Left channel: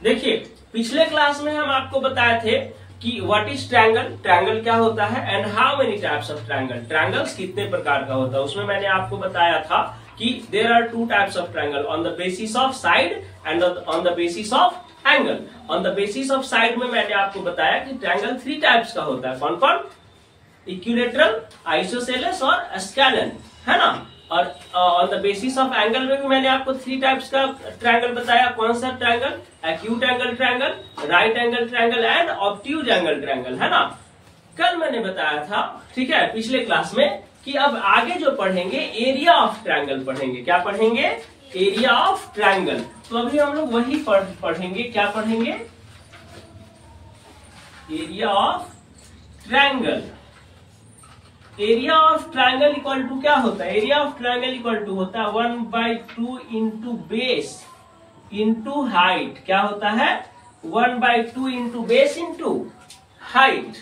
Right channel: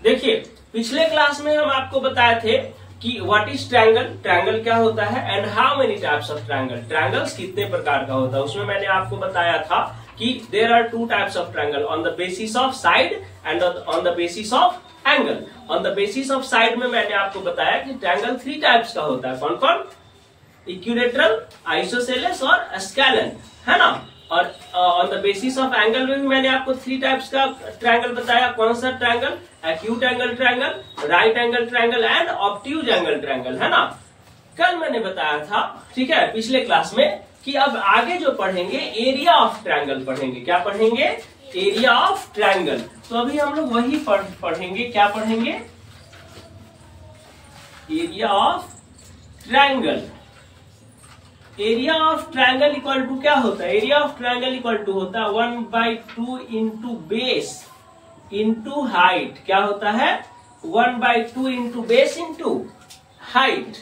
देखिए पिछले क्लास में हम आपको बताए थे कि व्हाट इज ट्रायंगल, ट्रायंगल क्या होता है and how many types of triangle, triangles कितने प्रकार का होता है। उसमें मैंने आपको बताया था कि there are two types of triangle on the basis of side and on the basis of angle. On the basis of side में मैंने आपको बताया कि ट्रायंगल 3 टाइप्स का होता है। कौन कौन? इक्विलेटरल, आइसोसेलेस और स्केलन, है ना। और on the basis of angle में भी मैंने आपको 3 टाइप्स का ट्रायंगल बताया। कौन सा triangle? Acute angle triangle, right angle triangle and obtuse angle triangle, है ना। कल मैंने बताया था, ठीक है, पिछले क्लास में, कि अब आगे जो पढ़ेंगे एरिया ऑफ ट्रायंगल पढ़ेंगे। क्या पढ़ेंगे? Area of triangle. तो अभी हम लोग वही पढ़ेंगे। क्या पढ़ेंगे? Area of triangle. Area of triangle equal to क्या होता है? Area of triangle equal to होता है 1/2 इंटू बेस इंटू हाइट। क्या होता है? 1/2 into base into height.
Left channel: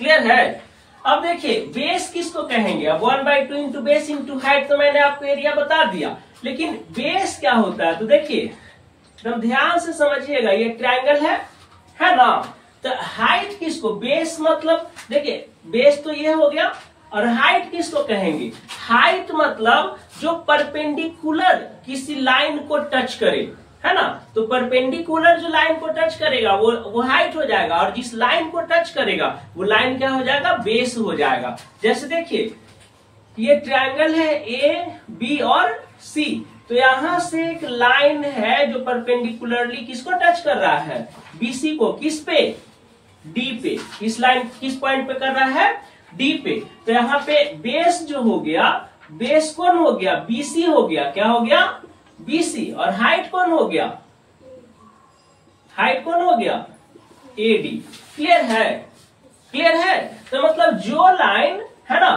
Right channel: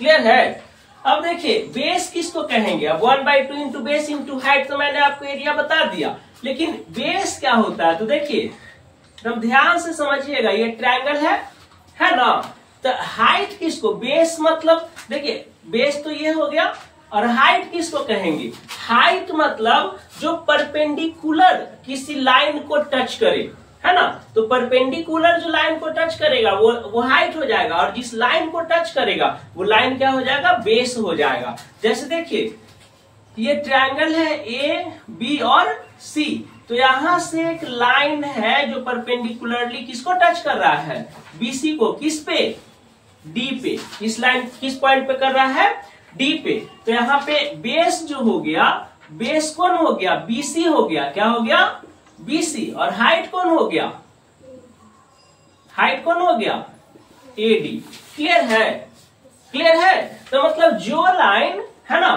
Clear है? अब देखिए बेस किसको कहेंगे? अब 1/2 इंटू बेस इंटू हाइट तो मैंने आपको एरिया बता दिया, लेकिन बेस क्या होता है? तो देखिए एकदम ध्यान से समझिएगा, ये ट्रायंगल है ना। तो हाइट किसको? बेस मतलब देखिए बेस तो ये हो गया, और हाइट किसको कहेंगे? हाइट मतलब जो परपेंडिकुलर किसी लाइन को टच करे, है ना। तो परपेंडिकुलर जो लाइन को टच करेगा वो हाइट हो जाएगा, और जिस लाइन को टच करेगा वो लाइन क्या हो जाएगा? बेस हो जाएगा। जैसे देखिए ये ट्रायंगल है ए बी और सी, तो यहां से एक लाइन है जो परपेंडिकुलरली किसको टच कर रहा है? बीसी को। किस पे? डी पे। इस लाइन किस पॉइंट पे कर रहा है? डी पे। तो यहाँ पे बेस जो हो गया, बेस कौन हो गया? बीसी हो गया। क्या हो गया? बीसी। और हाइट कौन हो गया? हाइट कौन हो गया? एडी। क्लियर है? क्लियर है? तो मतलब जो लाइन है ना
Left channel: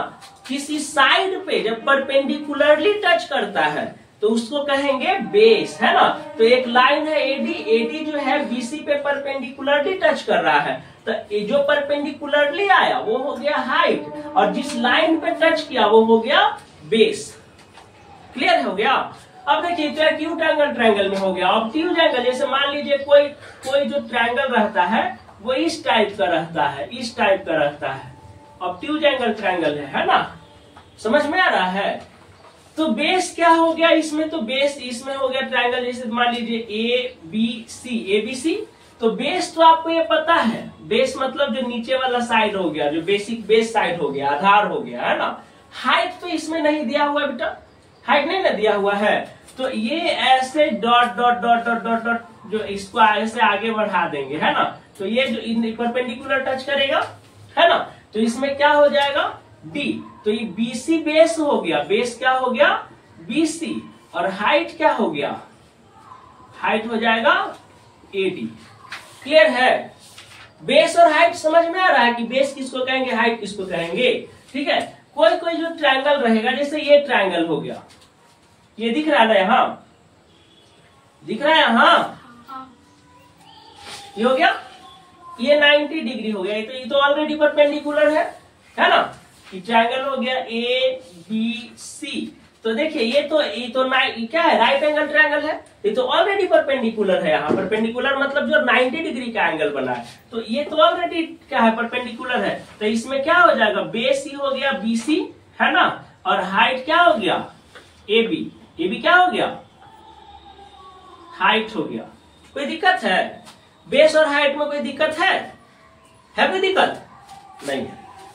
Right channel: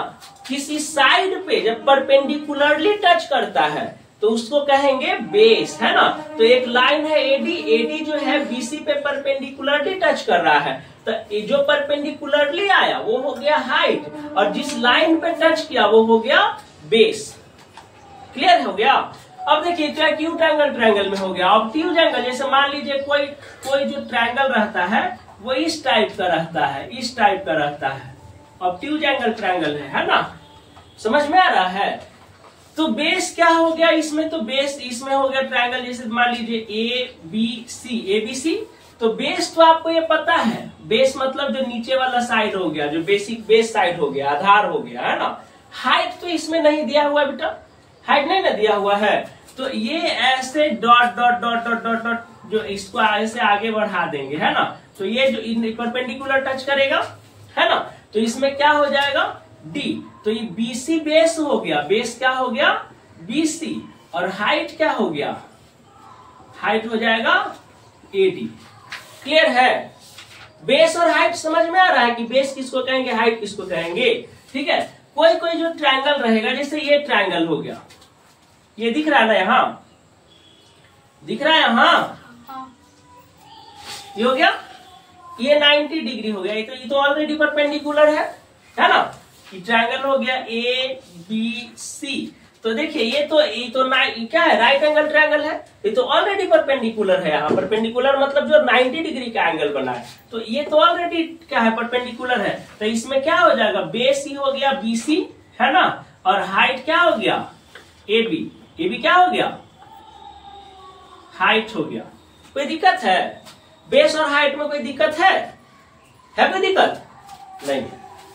किसी साइड पे जब परपेंडिकुलरली टच करता है तो उसको कहेंगे बेस, है ना। तो एक लाइन है एडी, एडी जो है बीसी पे परपेंडिकुलरली टच कर रहा है, तो जो परपेंडिकुलरली आया वो हो गया हाइट, और जिस लाइन पे टच किया वो हो गया बेस। क्लियर हो गया? अब देखिए तो एक्यूट एंगल ट्रायंगल में हो गया। ऑब्ट्यूज एंगल, जैसे मान लीजिए कोई जो ट्रायंगल रहता है वो इस टाइप का रहता है, इस टाइप का रहता है, ऑब्ट्यूज एंगल ट्रायंगल है ना। समझ में आ रहा है? तो बेस क्या हो गया इसमें? तो बेस इसमें हो गया ट्रायंगल, जैसे मान लीजिए ए बी सी। तो बेस तो आपको ये पता है, बेस मतलब जो नीचे वाला साइड हो गया, जो बेसिक बेस साइड हो गया, आधार हो गया, है ना। हाइट तो इसमें नहीं दिया हुआ बेटा, हाइट नहीं ना दिया हुआ है। तो ये ऐसे dot dot dot dot dot dot जो इसको ऐसे आगे बढ़ा देंगे, है ना। तो ये जो परपेंडिकुलर टच करेगा, है ना, तो इसमें क्या हो जाएगा? डी। तो ये बीसी बेस हो गया। बेस क्या हो गया? बीसी। और हाइट क्या हो गया? हाइट हो जाएगा एडी। क्लियर है? बेस और हाइट समझ में आ रहा है कि बेस किसको कहेंगे, हाइट किसको कहेंगे। ठीक है। कोई कोई जो ट्रायंगल रहेगा, जैसे ये ट्रायंगल हो गया, ये दिख रहा है ना, यहां दिख रहा है, यहां ये हो गया, ये 90 डिग्री हो गया। ये तो ऑलरेडी परपेंडिकुलर है ना। कि ट्रायंगल हो गया ए बी सी। तो देखिए ये तो क्या है? राइट एंगल ट्रायंगल है। ये तो ऑलरेडी परपेंडिकुलर है। यहाँ परपेंडिकुलर मतलब जो 90 डिग्री का एंगल बना है, तो ये तो ऑलरेडी क्या है? परपेंडिकुलर है। तो इसमें क्या हो जाएगा? बेस ही हो गया बीसी, है ना, और हाइट क्या हो गया? एबी। एबी क्या हो गया? हाइट हो गया। कोई दिक्कत है? बेस और हाइट में कोई दिक्कत है कोई दिक्कत नहीं?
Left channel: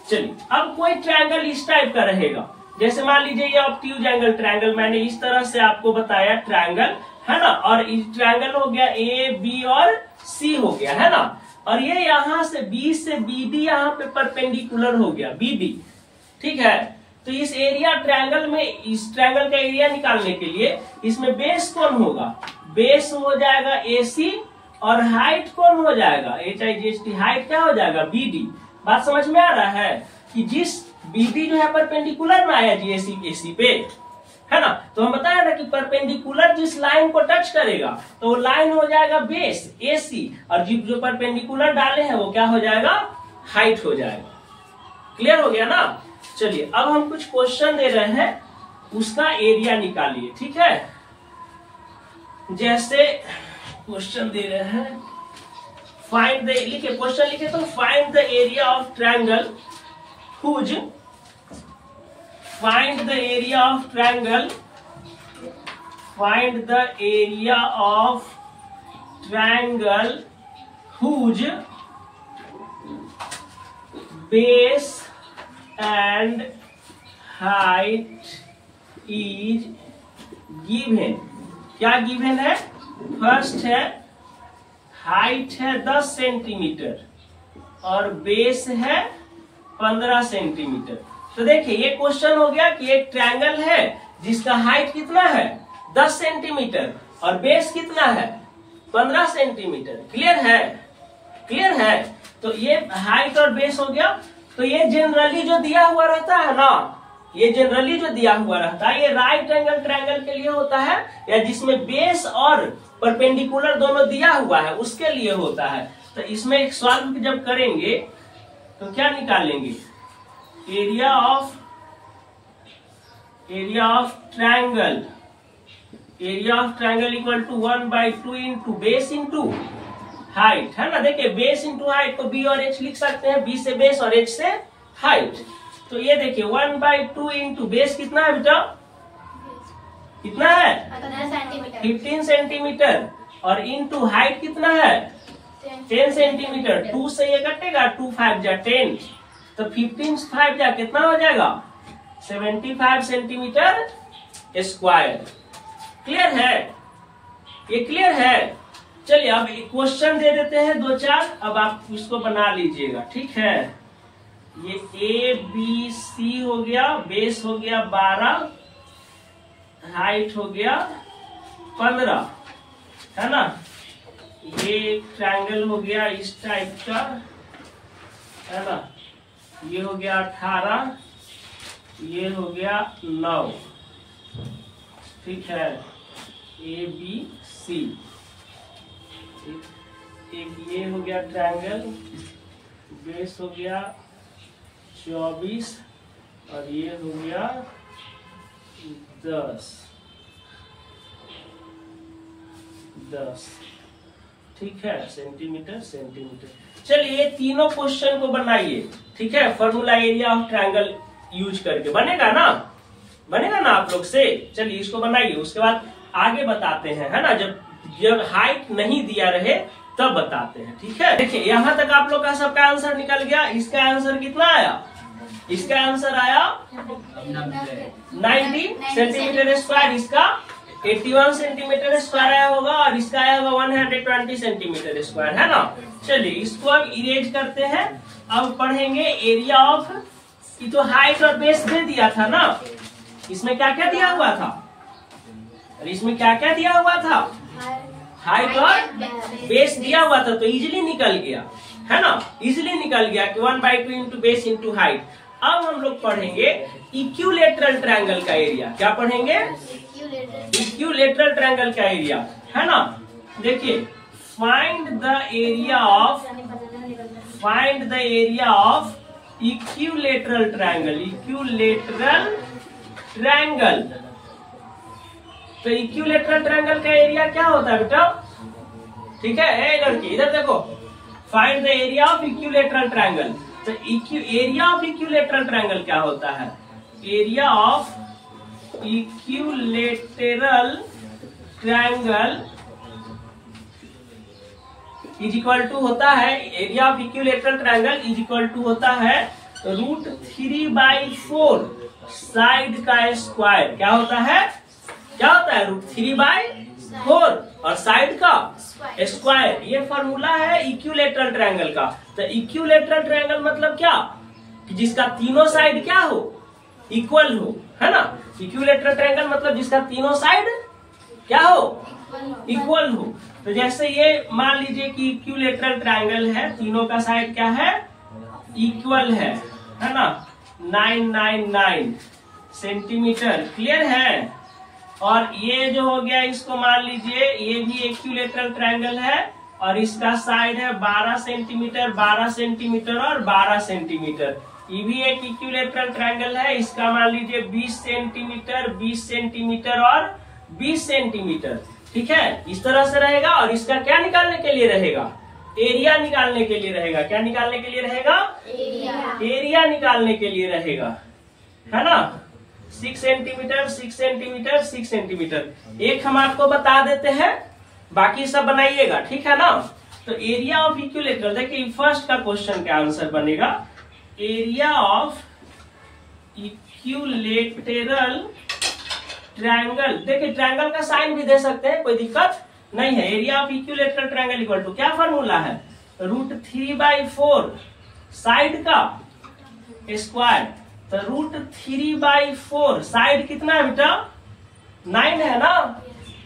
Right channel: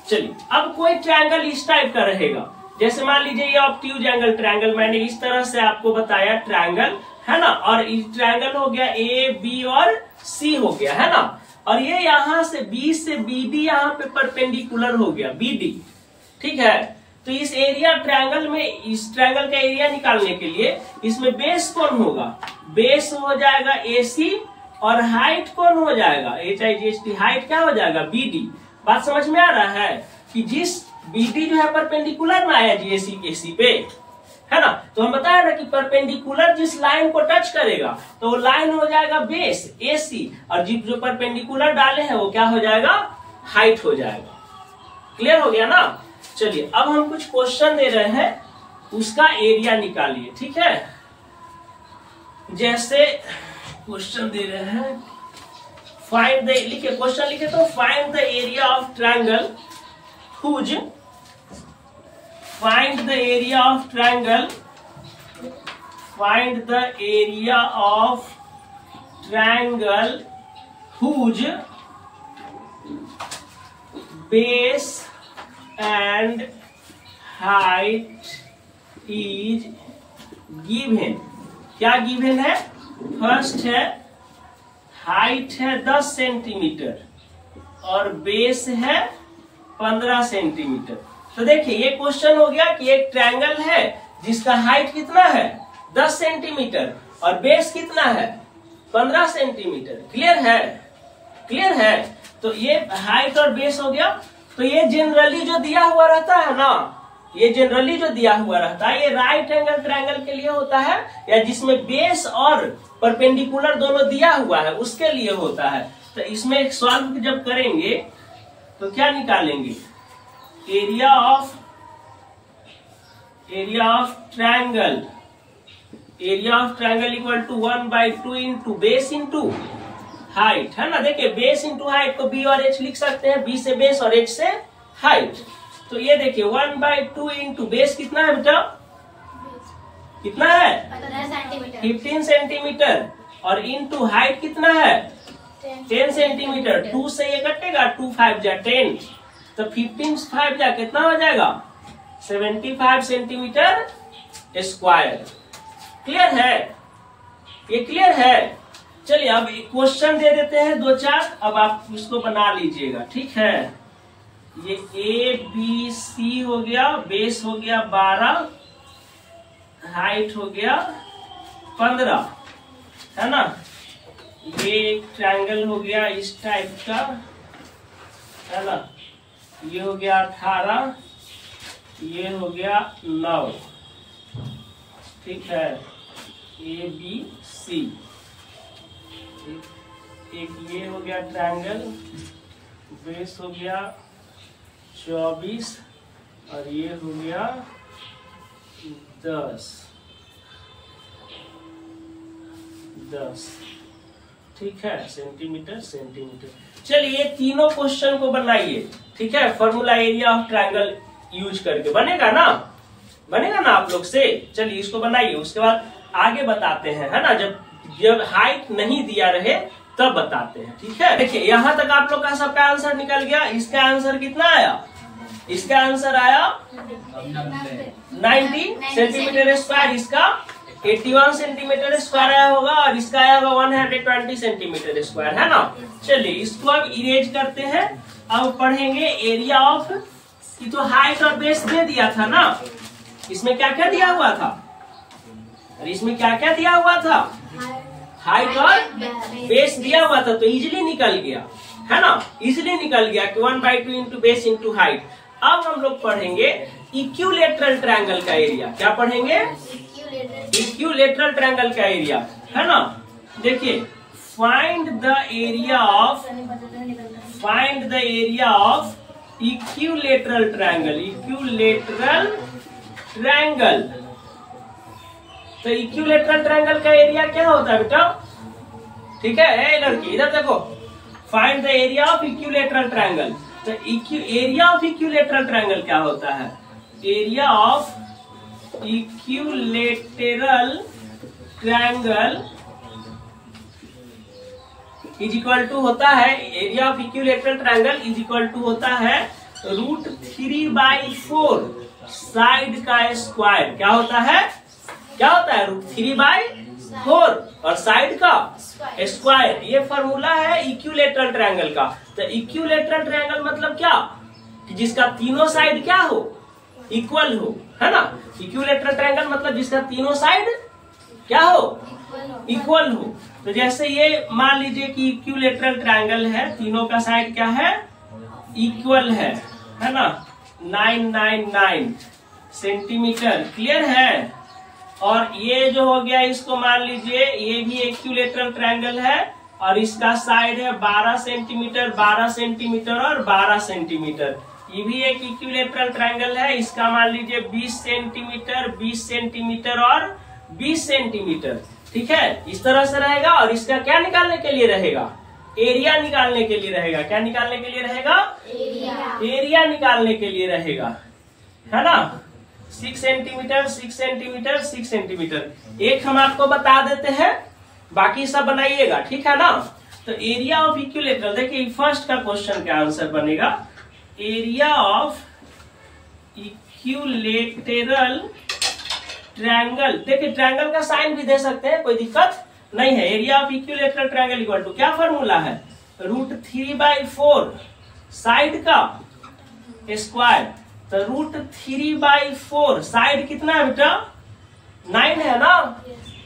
चलिए अब कोई ट्रायंगल इस टाइप का रहेगा, जैसे मान लीजिए ये ऑब्ट्यूज एंगल ट्रायंगल, मैंने इस तरह से आपको बताया ट्रायंगल, है ना। और इस ट्रायंगल हो गया ए बी और सी हो गया, है ना। और ये यहां से बी से बीडी यहाँ पे परपेंडिकुलर हो गया, बीडी। ठीक है। तो इस एरिया ट्रायंगल में, इस ट्रायंगल का एरिया निकालने के लिए इसमें बेस कौन होगा? बेस हो जाएगा एसी, और हाइट कौन हो जाएगा? HIGHT। हाइट क्या हो जाएगा? बीडी। बात समझ में आ रहा है कि जिस बीडी जो है परपेंडिकुलर में आया जीएसी एसी पे, है ना। तो हम बताया ना कि परपेंडिकुलर जिस लाइन को टच करेगा तो वो लाइन हो जाएगा बेस एसी, और जो परपेंडिकुलर डाले हैं वो क्या हो जाएगा? हाइट हो जाएगा। क्लियर हो गया ना। चलिए अब हम कुछ क्वेश्चन दे रहे हैं, उसका एरिया निकालिए। ठीक है। जैसे क्वेश्चन दे रहे हैं, फाइंड द, लिखे क्वेश्चन लिखे तो find the area of triangle whose, find the area of triangle, find the area of triangle whose base and height is given. क्या गिवन है? फर्स्ट है हाइट है 10 सेंटीमीटर और बेस है 15 सेंटीमीटर। तो देखिए ये क्वेश्चन हो गया कि एक ट्रायंगल है जिसका हाइट कितना है 10 सेंटीमीटर और बेस कितना है 15 सेंटीमीटर। क्लियर है? क्लियर है? तो ये हाइट और बेस हो गया। तो ये जनरली जो दिया हुआ रहता है ना, ये जनरली जो दिया हुआ रहता है ये राइट एंगल ट्रायंगल के लिए होता है, या जिसमें बेस और परपेंडिकुलर दोनों दिया हुआ है उसके लिए होता है। तो इसमें एक सॉल्व जब करेंगे तो क्या निकालेंगे? Area of triangle, area of triangle equal to 1/2 into base into height, है ना। देखिए बेस इंटू हाइट को बी और एच लिख सकते हैं, बी से बेस और एच से हाइट। तो ये देखिए 1/2 इंटू बेस कितना है बेटा? कितना है? 15 सेंटीमीटर और इंटू हाइट कितना है? 10 सेंटीमीटर। 2 से ये कटेगा, 2 5 जा 10, तो 15 5 जा कितना हो जाएगा? 75 सेंटीमीटर स्क्वायर। क्लियर है? ये क्लियर है? चलिए अब क्वेश्चन दे देते हैं 2-4, अब आप उसको बना लीजिएगा, ठीक है। ये ए बी सी हो गया, बेस हो गया 12, हाइट हो गया 15, है ना। ये एक ट्रायंगल हो गया इस टाइप का, है ना। ये हो गया 18, ये हो गया 9, ठीक है। ए बी सी, एक ये हो गया ट्रायंगल, बेस हो गया 24 और ये हो गया 10, ठीक है, सेंटीमीटर सेंटीमीटर। चलिए तीनों क्वेश्चन को बनाइए, ठीक है। Formula area of triangle use करके बनेगा ना, बनेगा ना आप लोग से। चलिए इसको बनाइए, उसके बाद आगे बताते हैं, है ना। जब हाइट नहीं दिया रहे तब बताते हैं, ठीक है। देखिए यहाँ तक आप लोग का सबका आंसर निकल गया। इसका आंसर कितना आया? इसका आंसर आया 90 सेंटीमीटर स्क्वायर, इसका 81 सेंटीमीटर स्क्वायर आया होगा और इसका आया होगा 120 सेंटीमीटर स्क्वायर, है ना। चलिए इसको अब इरेज करते हैं। अब पढ़ेंगे एरिया ऑफ, ये तो हाइट और बेस दे दिया था ना, इसमें क्या क्या दिया हुआ था? और इसमें क्या क्या दिया हुआ था? हाइट और बेस दिया हुआ था, तो इजीली निकल गया, है ना। इजीली निकल गया कि 1/2 इंटू बेस इंटू हाइट। अब हम लोग पढ़ेंगे इक्विलेटरल ट्रायंगल का एरिया। क्या पढ़ेंगे? इक्विलेटरल ट्रायंगल का एरिया, है ना। देखिए find the area of equilateral triangle, equilateral triangle. तो इक्विलेटरल ट्रायंगल का एरिया क्या होता है बेटा? ठीक है, ए लड़की इधर देखो, find the area of equilateral triangle. तो एरिया ऑफ इक्विलेटरल ट्रायंगल क्या होता है? Area of equilateral triangle is equal to होता है, area of equilateral triangle is equal to होता है √3/4 साइड का स्क्वायर। क्या होता है? क्या होता है? √3/4 और साइड का स्क्वायर। ये फॉर्मूला है इक्विलेटरल ट्रायंगल का। तो इक्विलेटरल ट्रायंगल मतलब क्या? कि जिसका तीनों साइड क्या हो? इक्वल हो, है ना। इक्विलेटरल ट्रायंगल मतलब जिसका तीनों साइड क्या हो? इक्वल हो। तो जैसे ये मान लीजिए कि इक्विलेटरल ट्रायंगल है, तीनों का साइड क्या है? इक्वल है ना। 999 सेंटीमीटर। क्लियर है? और ये जो हो गया इसको मान लीजिए ये भी इक्विलेटरल ट्रायंगल है और इसका साइड है 12 सेंटीमीटर, 12 सेंटीमीटर और 12 सेंटीमीटर। ये भी एक इक्विलेटरल ट्रायंगल है, इसका मान लीजिए 20 सेंटीमीटर, 20 सेंटीमीटर और 20 सेंटीमीटर। ठीक है, इस तरह से रहेगा। और इसका क्या निकालने के लिए रहेगा? एरिया निकालने के लिए रहेगा। क्या निकालने के लिए रहेगा? एरिया निकालने के लिए रहेगा, है ना। 6 सेंटीमीटर 6 सेंटीमीटर 6 सेंटीमीटर। एक हम आपको बता देते हैं, बाकी सब बनाइएगा, ठीक है ना। तो एरिया ऑफ इक्विलेटरल, देखिए फर्स्ट का क्वेश्चन का आंसर बनेगा एरिया ऑफ इक्विलेटरल ट्रायंगल। देखिए ट्रायंगल का साइन भी दे सकते हैं, कोई दिक्कत नहीं है। Area of equilateral triangle equal to क्या फॉर्मूला है? √3/4 साइड का स्क्वायर। तो √3/4 साइड कितना है बेटा? 9 है ना।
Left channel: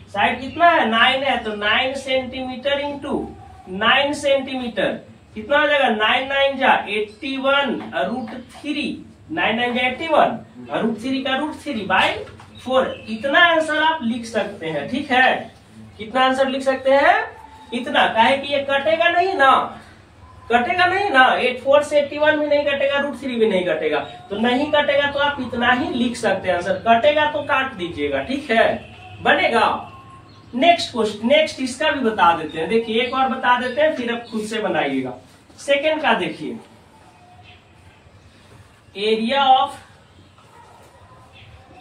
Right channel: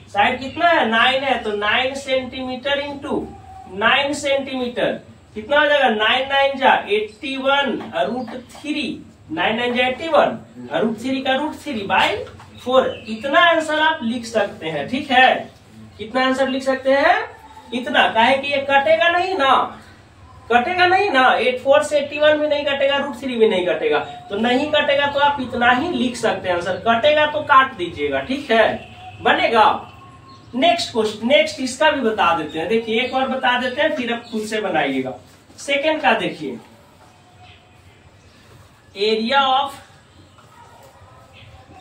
साइड कितना है? 9 है। तो 9 सेंटीमीटर इंटू 9 सेंटीमीटर कितना हो जाएगा? 9 9 जा 81 √3। 9 9 जा 81 √3 का √3/4। इतना आंसर आप लिख सकते हैं, ठीक है। कितना आंसर लिख सकते हैं? इतना। काहे कि ये कटेगा नहीं ना, कटेगा नहीं ना। 84 से 81 भी नहीं कटेगा, √3 भी नहीं कटेगा। तो नहीं कटेगा तो आप इतना ही लिख सकते हैं आंसर। कटेगा तो काट दीजिएगा, ठीक है, बनेगा। नेक्स्ट क्वेश्चन, नेक्स्ट इसका भी बता देते हैं। देखिए एक और बता देते हैं, फिर आप खुद से बनाइएगा। सेकेंड का देखिए, area of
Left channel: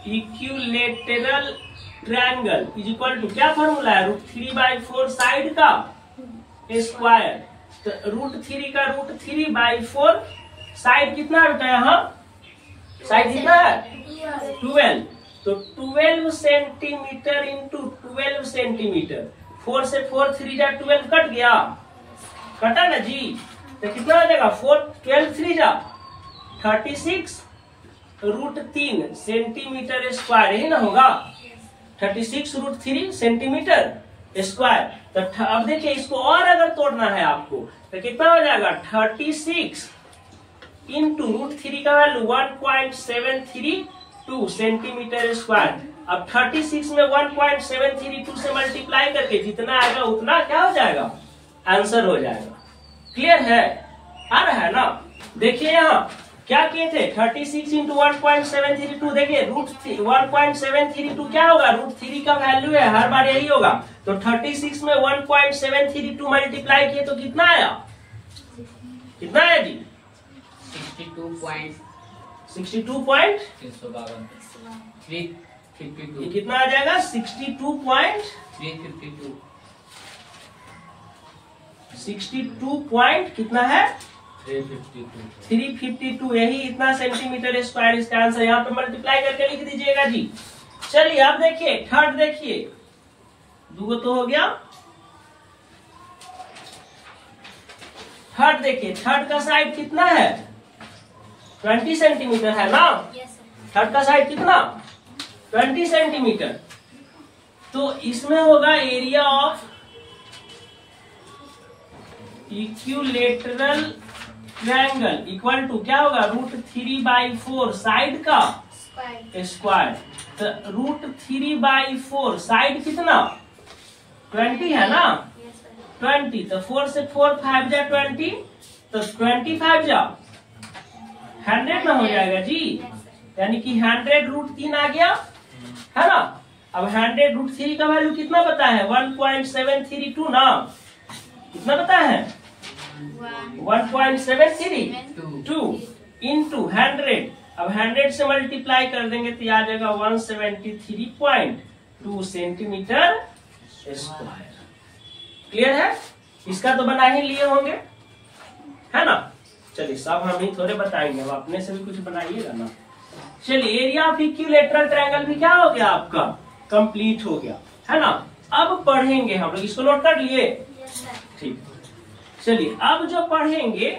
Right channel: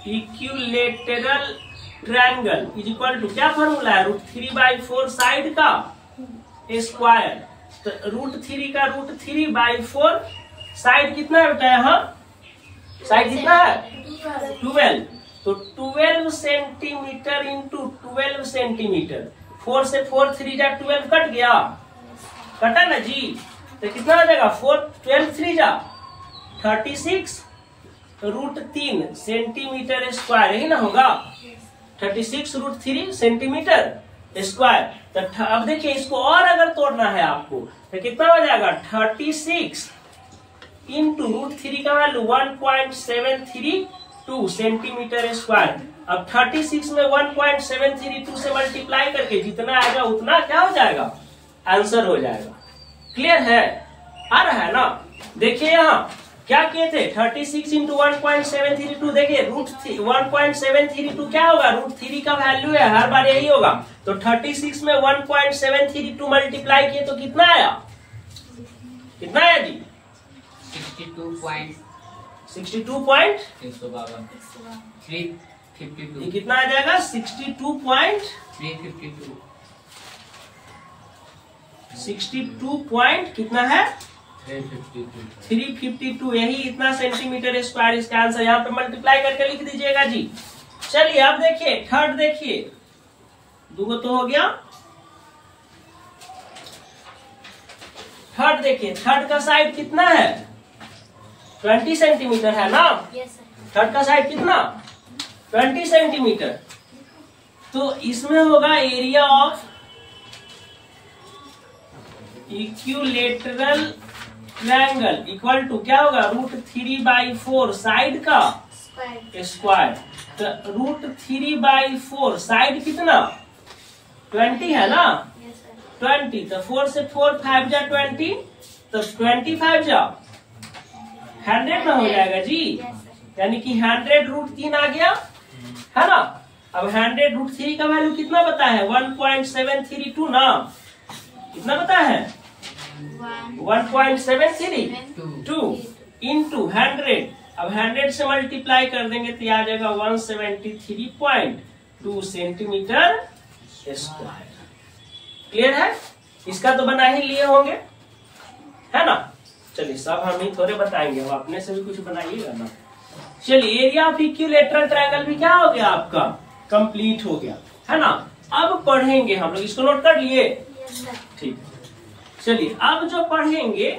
equilateral triangle is equal to क्या फॉर्मूला है? √3/4 साइड का स्क्वायर। तो √3 का √3/4 साइड कितना है बेटा? यहाँ साइड कितना है? 12। तो 12 सेंटीमीटर इंटू 12 सेंटीमीटर। 4 से 4 3 जा 12 कट गया, कटा ना जी। तो कितना हो जाएगा? 4 12 3 जा 36 √3 सेंटीमीटर स्क्वायर, यही ना होगा। 36 √3 सेंटीमीटर स्क्वायर। तो अब देखिए इसको और अगर तोड़ना है आपको तो कितना हो जाएगा? 36 इंटू √3 का वैल्यू 1.732 सेंटीमीटर स्क्वायर। अब 36 में 1.732 से मल्टीप्लाई करके जितना आएगा उतना क्या हो जाएगा? आंसर हो जाएगा। क्लियर है? आ रहा है ना। देखिए यहाँ क्या किए थे? 36 इंटू 1.732। देखिए √1.732 क्या होगा? √3 का वैल्यू है, हर बार यही होगा। तो 36 में 1.732 मल्टीप्लाई किए तो कितना आया? कितना आया जी? 62.352 कितना आ जाएगा? 62.352 कितना है? 352। यही इतना सेंटीमीटर स्क्वायर इसका आंसर। यहाँ पे मल्टीप्लाई करके लिख दीजिएगा जी। चलिए अब देखिए थर्ड, देखिए दो तो हो गया। थर्ड देखिए, थर्ड का साइड कितना है? 20 सेंटीमीटर है ना। थर्ड का साइड कितना? 20 सेंटीमीटर। तो इसमें होगा area of equilateral triangle equal to क्या होगा? √3/4 साइड का स्क्वायर। तो √3/4 साइड कितना? 20 है ना। 20 तो 4 से 4 5 जा 20, तो 25 जा 100 में हो जाएगा जी। यानी कि 100 √3 आ गया, है ना। अब 100 √3 का वैल्यू कितना पता है? 1.732 ना। कितना पता है? 1.732 इंटू 100। अब 100 से मल्टीप्लाई कर देंगे तो आ जाएगा 173.2 सेंटीमीटर स्क्वायर। क्लियर है? इसका तो बना ही लिए होंगे, है ना। चलिए सब हम ही थोड़े बताएंगे, अब अपने से भी कुछ बनाइएगा ना। चलिए एरिया ऑफ इक्विलेटरल ट्रायंगल भी क्या हो गया आपका? कंप्लीट हो गया, है ना। अब पढ़ेंगे हम लोग, इसको नोट कर लिए? ठीक है। चलिए अब जो पढ़ेंगे,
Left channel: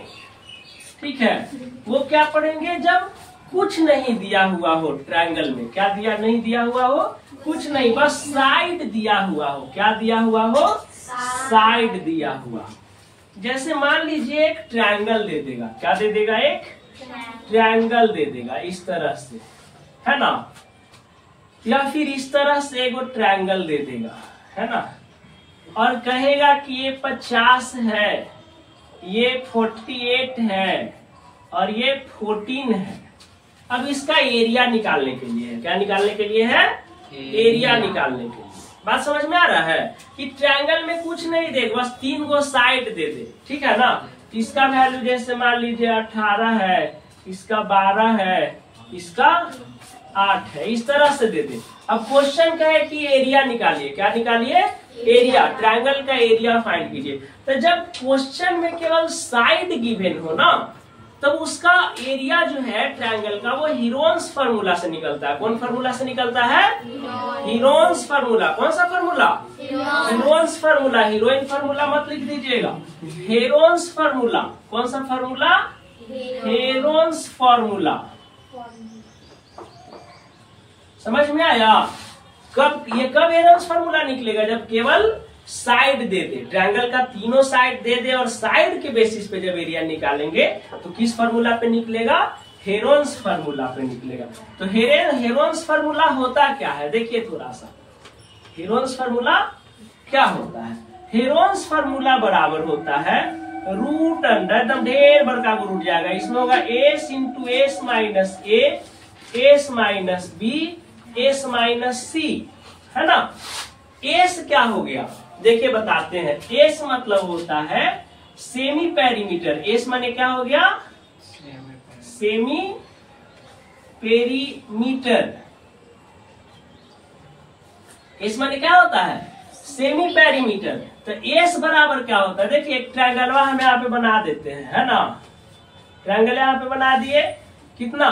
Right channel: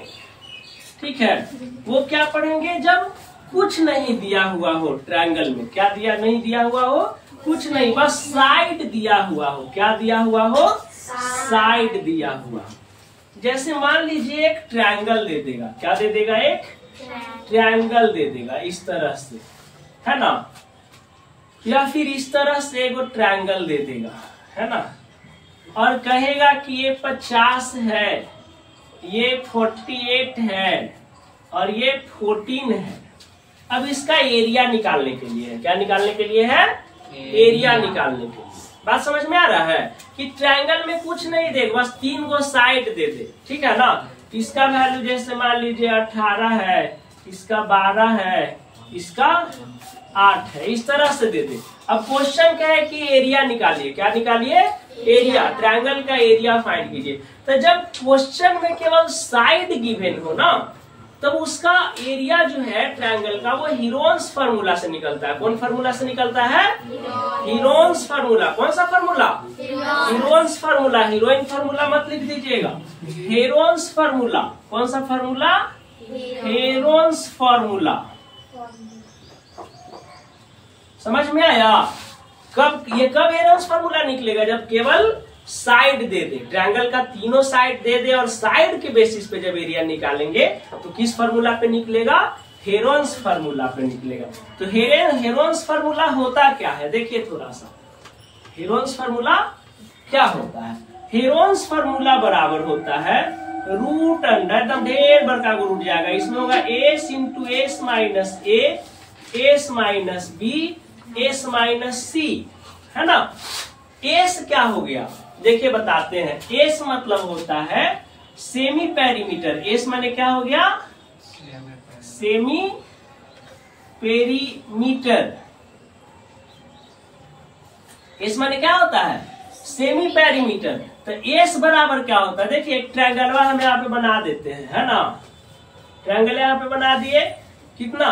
ठीक है, वो क्या पढ़ेंगे? जब कुछ नहीं दिया हुआ हो ट्रायंगल में। क्या दिया? नहीं दिया हुआ हो, कुछ नहीं, बस साइड दिया हुआ हो। क्या दिया हुआ हो? साइड दिया हुआ। जैसे मान लीजिए एक ट्रायंगल दे देगा। क्या दे देगा? एक ट्रायंगल दे देगा इस तरह से, है ना। या फिर इस तरह से एक ट्रायंगल दे देगा, है ना। और कहेगा कि ये 50 है, ये 48 है और ये 14 है। अब इसका एरिया निकालने के लिए है। क्या निकालने के लिए है? एरिया निकालने के लिए। बात समझ में आ रहा है कि ट्रायंगल में कुछ नहीं दे, बस 3 गो साइड दे दे, ठीक है ना। इसका वैल्यू जैसे मान लीजिए 18 है, इसका 12 है, इसका 8 है, इस तरह से दे दे। अब क्वेश्चन क्या है कि एरिया निकालिए, क्या निकालिए, एरिया, ट्रायंगल का एरिया फाइंड कीजिए। तो जब क्वेश्चन में केवल साइड गिवन हो ना, तब उसका एरिया जो है ट्रायंगल का वो हीरोन्स फार्मूला से निकलता है। कौन फार्मूला से निकलता है, हीरोन्स फार्मूला। कौन सा formula, Heron's formula, heroine formula मत लिख दीजिएगा, हेरोन्स फार्मूला। कौन सा फार्मूला, हेरोन्स फार्मूला। समझ में आया। कब ये कब हेरोन्स फार्मूला निकलेगा, जब केवल साइड दे दे, ट्रायंगल का तीनों साइड दे दे और साइड के बेसिस पे जब एरिया निकालेंगे तो किस फार्मूला पे निकलेगा, हेरोन्स फार्मूला पे निकलेगा। तो हेरोन्स फार्मूला होता क्या है, देखिए थोड़ा सा, हेरोन्स फार्मूला क्या होता है। हेरोन्स फार्मूला बराबर होता है रूट अंडर, एकदम ढेर बड़का को रूट जाएगा, इसमें होगा S into S minus A, S minus B, S minus C, है ना। एस क्या हो गया, देखिए बताते हैं। एस मतलब होता है सेमी पेरीमीटर। एस माने क्या हो गया, सेमी पेरीमीटर। एस माने क्या होता है, सेमी पेरीमीटर। तो एस बराबर क्या होता है, देखिए एक ट्रायंगल हम यहाँ पे बना देते हैं, है ना। ट्रायंगल यहाँ पे बना दिए, कितना,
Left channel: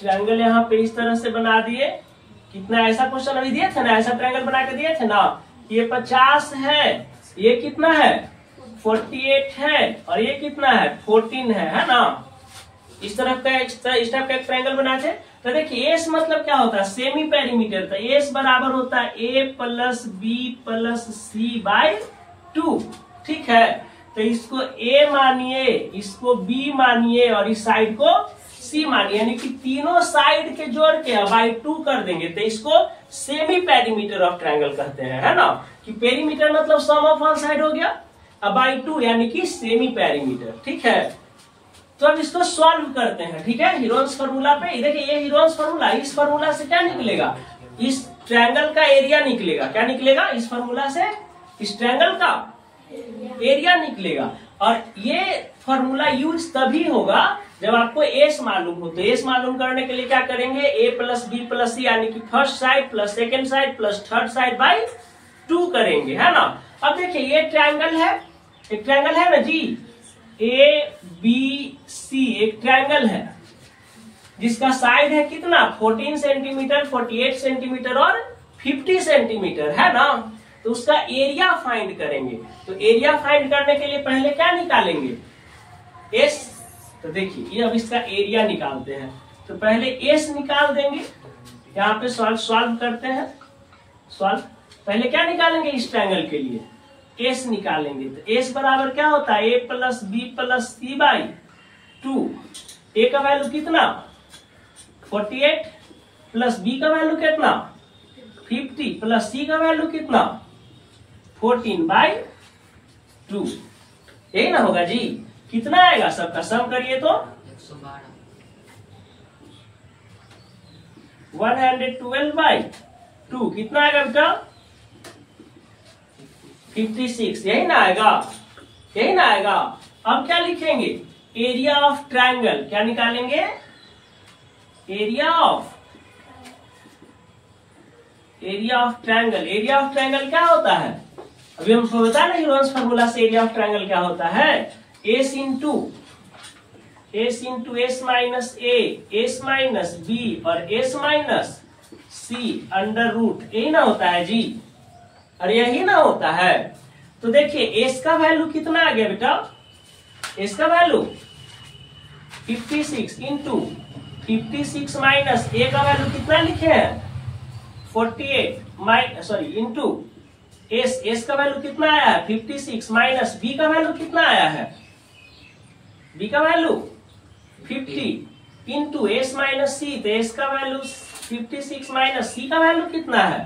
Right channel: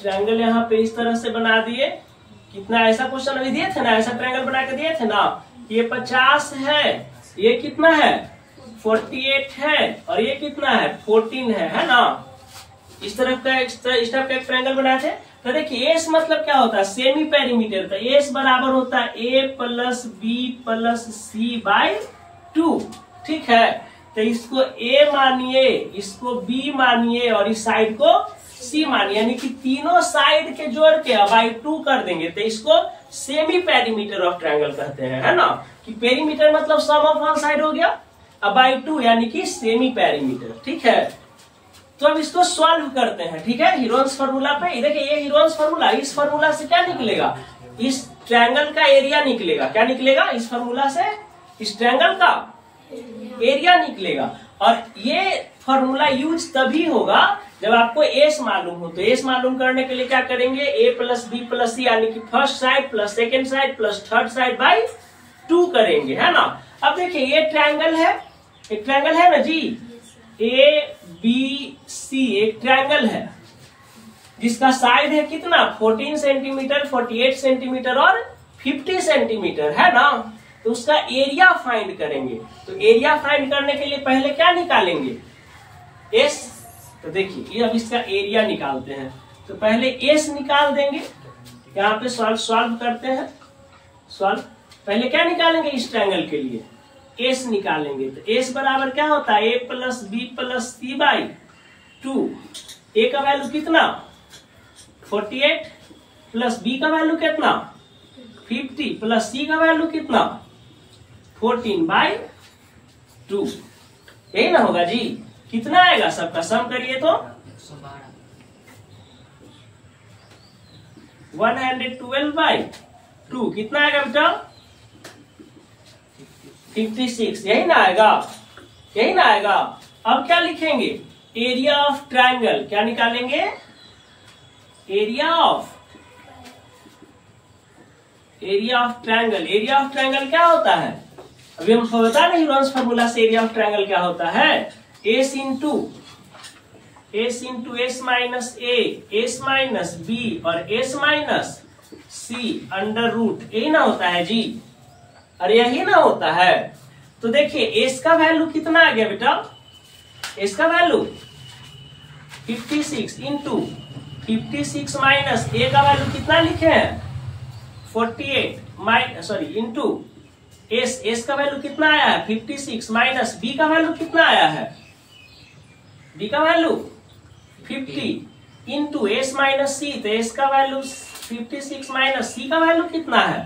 ट्रायंगल यहाँ पे इस तरह से बना दिए, कितना, ऐसा क्वेश्चन अभी दिए थे ना, ऐसा ट्रायंगल बना के दिए थे ना। ये 50 है, ये कितना है 48 है, और ये कितना है 14 है ना। इस टाइप का एक ट्रायंगल बनाए थे। तो देखिए एस मतलब क्या होता है, सेमी पेरीमीटर। तो एस बराबर होता है A plus B plus C by 2, ठीक है। तो इसको ए मानिए, इसको बी मानिए और इस साइड को सी मानिए, यानी कि तीनों साइड के जोड़ के बाई 2 कर देंगे। तो इसको सेमी पेरीमीटर ऑफ ट्रायंगल कहते हैं, है ना। कि पेरीमीटर मतलब सम ऑफ वन साइड हो गया, अब बाई 2 यानी कि सेमी पेरीमीटर, ठीक है। तो अब इसको सॉल्व करते हैं, ठीक है, हीरोन्स फार्मूला पे। देखिए ये हीरोन्स फार्मूला, इस फार्मूला से क्या निकलेगा, इस ट्रायंगल का एरिया निकलेगा। क्या निकलेगा, इस फार्मूला से इस ट्रायंगल का एरिया निकलेगा। और ये फार्मूला यूज तभी होगा जब आपको एस मालूम हो। तो एस मालूम करने के लिए क्या करेंगे, ए प्लस बी प्लस सी, यानी कि first side plus second side plus third side by 2 करेंगे, है ना। अब देखिए ये ट्रायंगल है, एक ट्रायंगल है ना जी, ए बी सी एक ट्रायंगल है जिसका साइड है कितना 14 सेंटीमीटर, 48 सेंटीमीटर और 50 सेंटीमीटर, है ना। तो उसका एरिया फाइंड करेंगे। तो एरिया फाइंड करने के लिए पहले क्या निकालेंगे, एस। तो देखिए ये अब इसका एरिया निकालते हैं। तो पहले एस निकाल देंगे, यहाँ पे सॉल्व करते हैं। सॉल्व पहले क्या निकालेंगे, इस ट्रायंगल के लिए एस निकालेंगे। तो एस बराबर क्या होता है, A plus B plus C by 2। A का वैल्यू कितना 48 प्लस बी का वैल्यू कितना 50 प्लस सी का वैल्यू कितना 14 बाई 2। यही ना होगा जी। कितना आएगा, सबका सम करिए तो 112 बाई 2 कितना आएगा बेटा 56। यही ना आएगा, यही ना आएगा। अब क्या लिखेंगे, एरिया ऑफ ट्रायंगल। क्या निकालेंगे, area of triangle. Area of triangle क्या होता है, अभी हमको बता रहे हीरोन्स फार्मूला से एरिया ऑफ ट्रायंगल क्या होता है, S into S minus A, S minus B और एस माइनस सी अंडर रूट। यही ना होता है जी, अरे यही ना होता है। तो देखिए एस का वैल्यू कितना आ गया बेटा, एस का वैल्यू 56 इंटू 56 माइनस ए का वैल्यू कितना लिखे हैं 48 इंटू एस का वैल्यू कितना आया है 56 माइनस बी का वैल्यू कितना आया है, बी का वैल्यू 50 इंटू एस माइनस सी। तो एस का वैल्यू 56 माइनस सी का वैल्यू कितना है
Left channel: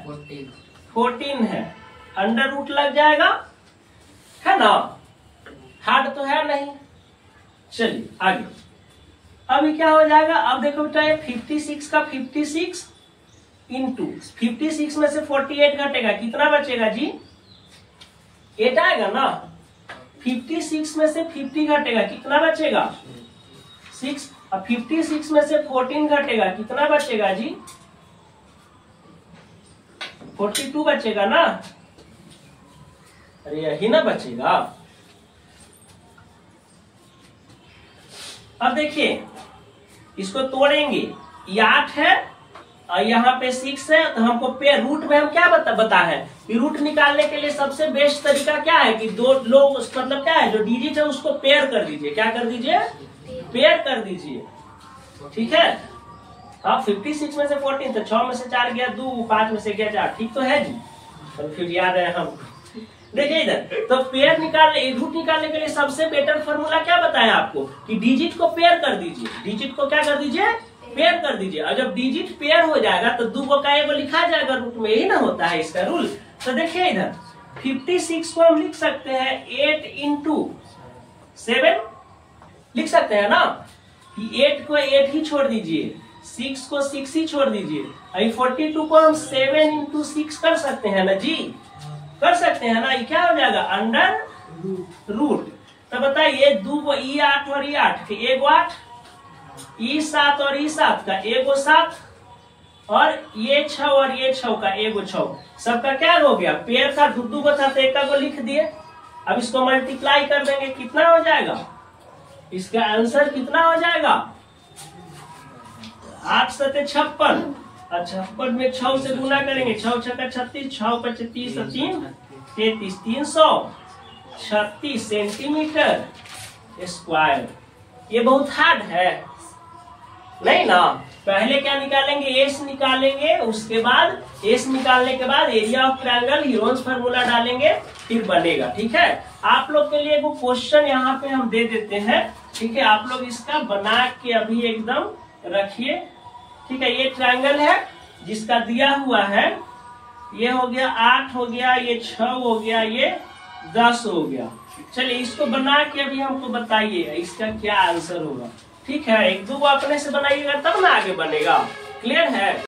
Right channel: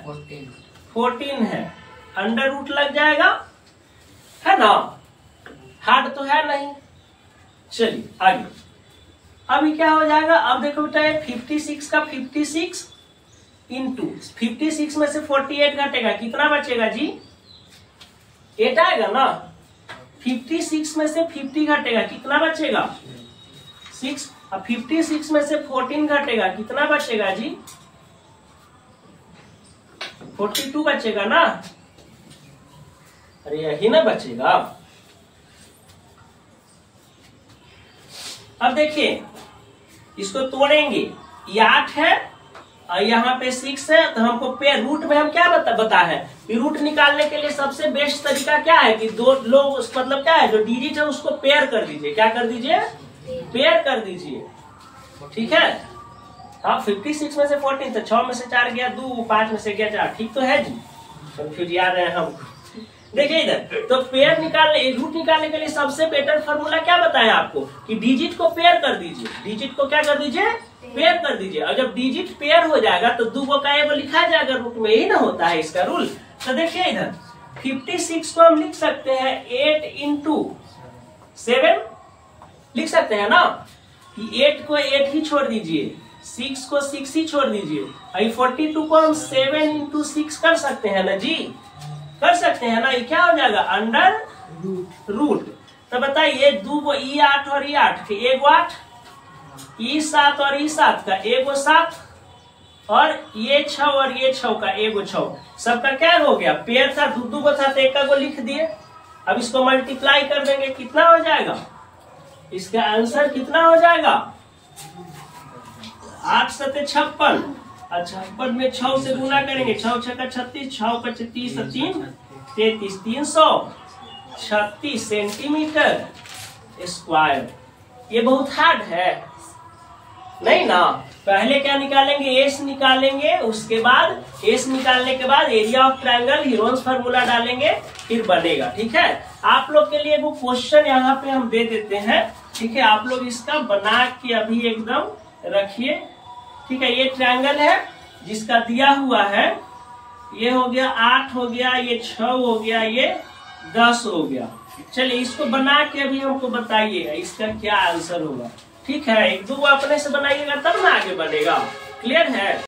14 है। अंडर रूट लग जाएगा, है ना, हार्ड तो है नहीं। चलिए आगे, अभी क्या हो जाएगा, अब देखो बेटा 56 का 56 इंटू 56 में से 48 घटेगा, कितना बचेगा जी? 8 आएगा ना। 56 में से 50 घटेगा, कितना बचेगा? 6। अब 56 में से 14 घटेगा, कितना बचेगा जी? 42 बचेगा ना। अरे यही ना बचेगा। अब देखिए इसको तोड़ेंगे, ये 8 है और यहाँ पे 6 है, तो हमको पेयर रूट में हम क्या बता है कि रूट निकालने के लिए सबसे बेस्ट तरीका क्या है कि दो लोग मतलब क्या है, जो डिजिट है उसको पेयर कर दीजिए। क्या कर दीजिए? पेयर कर दीजिए। ठीक है। हाँ 56 में से 14, तो 6 में से 4 गया 2, 5 में से गया 4। ठीक तो है जी, कंफ्यूज याद है हम। देखिए इधर तो पेयर निकालने, रूट निकालने के लिए सबसे बेटर फॉर्मूला क्या बताया आपको कि डिजिट को पेयर कर दीजिए। डिजिट को क्या कर दीजिए? पेयर कर दीजिए। और जब डिजिट पेयर हो जाएगा तो 2 का एगो लिखा जाएगा रूट में, यही ना होता है इसका रूल। तो देखिए इधर 56 को हम लिख सकते हैं 8 इंटू 7 लिख सकते हैं ना। 8 को 8 ही छोड़ दीजिए, 6 को 6 ही छोड़ दीजिए। 42 को हम 7 इंटू 6 कर सकते हैं ना जी, कर सकते हैं ना। ये क्या हो जाएगा? Under root. तो बताइए 2 को ई 8 और ई 8 के एगो 8, ई 7 और ई 7 का एगो 7, और ये 6 और ये 6 का एगो 6। सबका क्या हो गया? पेयर था, 2 को था तो एक को लिख दिए। अब इसको मल्टीप्लाई कर देंगे, कितना हो जाएगा? इसका आंसर कितना हो जाएगा? 8 7 56, और 56 में 6 से गुना करेंगे, 6 6 का 36, 6 का 36 3 33, 336 सेंटीमीटर स्क्वायर। ये बहुत हार्ड है नहीं ना। पहले क्या निकालेंगे? एस निकालेंगे, उसके बाद एस निकालने के बाद area of triangle Heron's formula डालेंगे, फिर बनेगा। ठीक है। आप लोग के लिए वो क्वेश्चन यहाँ पे हम दे देते हैं। ठीक है, आप लोग इसका बना के अभी एकदम रखिए। ठीक है, ये ट्रायंगल है जिसका दिया हुआ है, ये हो गया 8 हो गया, ये 6 हो गया, ये 10 हो गया। चलिए इसको बना के अभी हमको बताइए इसका क्या आंसर होगा। ठीक है, 1 2 अपने से बनाइएगा तब ना आगे बनेगा। क्लियर है?